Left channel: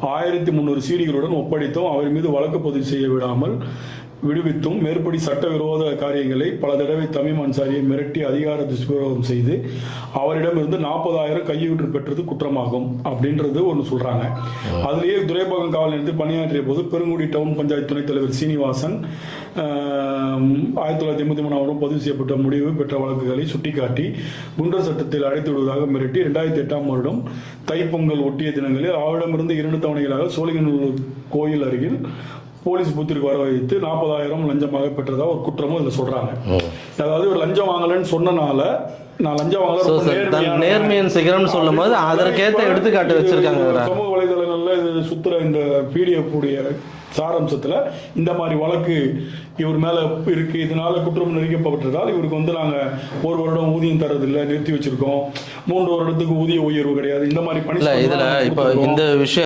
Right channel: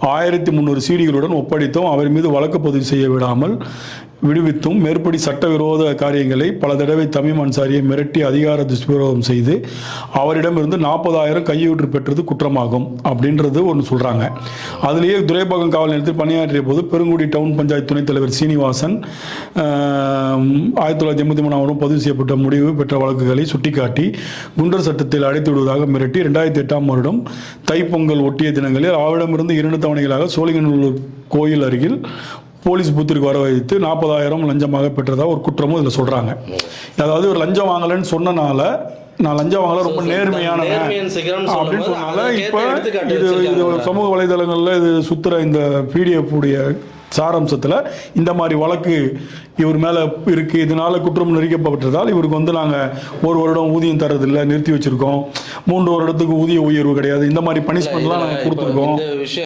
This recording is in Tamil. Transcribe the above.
ஆயிரத்தி முந்நூறு சீடிகளுடன் ஒப்படைத்தும். அவர் மீது வழக்கு பதிவு செய்ய விடாமல் விடுவித்தும் மேற்படி சட்டவிரோத காரியங்களை பல தடவை தமிம் அன்சாரியை மிரட்டி அதிகார துஷ்பிரயோகம் செய்து அவரிடமிருந்து நாற்பதாயிரம் கையூற்று பெற்றது குற்றமாகும் அப்படின்றது ஒன்று சொல்கிறாங்க அதுலேயே துரைப்பாக்கம் காவல் நிலையத்தில் பணியாற்றிய போது பெருங்குடி டவுன் பஞ்சாயத்து துணைத் தலைவர் சீனிவாசன் ஆயிரத்தி தொள்ளாயிரத்தி எண்பத்தி மூணாம் பதிவு செய்யப்பட்ட முடிவு பெற்ற வழக்குகளை சுட்டிக்காட்டி குண்டர் சட்டத்தில் அடைத்து விடுவதாக மிரட்டி ரெண்டாயிரத்தி எட்டாம் வருடம் தைப்பொங்கல் ஒட்டிய தினங்களில் அவரிடமிருந்து இரண்டு தவணைகளாக சோழிங்கநல்லூர் கோயில் அருகில் போலீஸ் பூத்திற்கு வர வைத்து நாற்பதாயிரம் லஞ்சமாக பெற்றதா ஒரு குற்றமும் இதில் சொல்றாங்க. அதாவது ஒரு லஞ்சம் வாங்கலைன்னு சொன்னனால நான் லஞ்சம் வாங்கல ரொம்ப நேர்மையான நேர்மையின் சிகரம்னு சொல்லும்போது இப்ப எடுத்துக்காட்டு வச்சிருக்காங்க. சமூக வலைதளங்கள்ல இது சுத்துற இந்த பிடிஎஃப் உடைய சாராம்சத்துல இந்த மாதிரி வழக்கு இவர் மேல இருக்கு. இதனால குற்றம் நெறிக்கப்பட்டதால் இவருக்கு வந்து நாங்க ஒரு வருடம் ஊதியம் தரதில்லை நிறுத்தி வச்சிருக்கோம். மூன்று வருடத்துக்கு ஊதிய உயர்வு கிடையாது. இந்த மாதிரி கொடுத்துருக்கோம். இந்த விஷயம்